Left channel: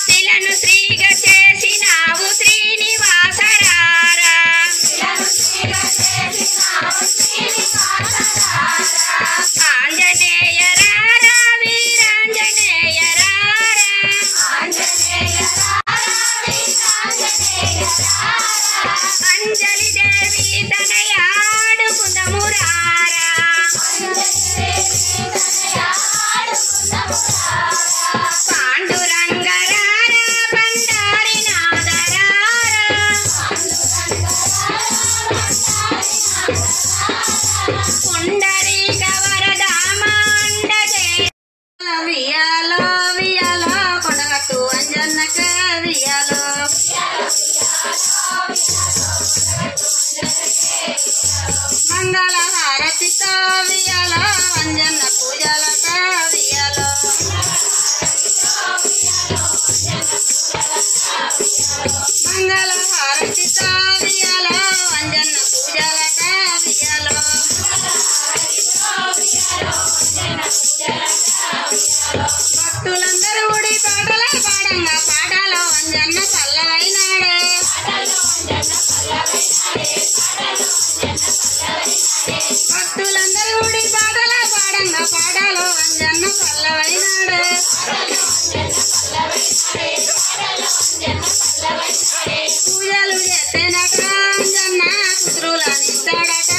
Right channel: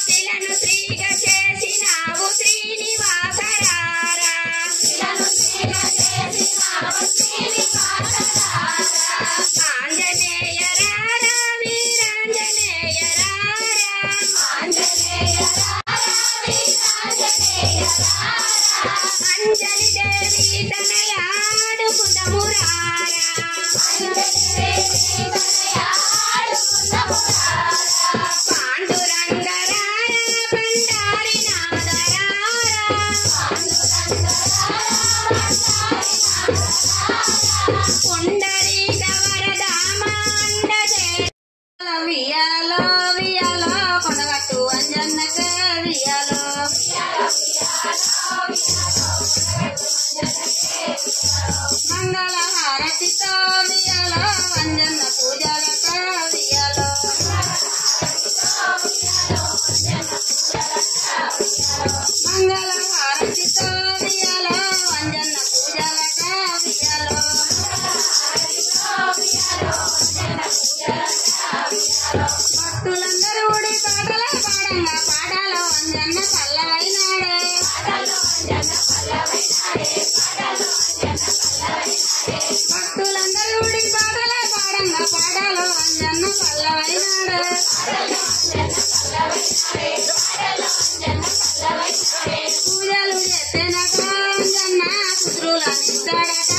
శిలను శ్రీగా చేసినావు శ్రీనివాసరారా ఆంజనేయ రారా వీరాంజనేయ రారా అంజలి దేవి తనయాడుకుందము రారా పాండురంగ రారా బండారి నాదరారా పుండరీక వరదామాండజే వియాలో వియాలో కొనగట్టు అంజన్నక వియాలో మంగళ హారతితో వియాలో అంజన్న పూజలక వియాలో మంగళ హారతితో వియాలో అంజన్న పూజలక వియాలో భక్తులందరూ ఉడి పాటలే పాడంగా పాడాలో అంజన్న పల్లవైనాడే భక్తులందరూ ఉడి పాటలే పాడంగా పాడాలో అంజన్న పల్లవైనాడే పూజలు చేసేనక అంజన్న పుత్రులనిస్తాడట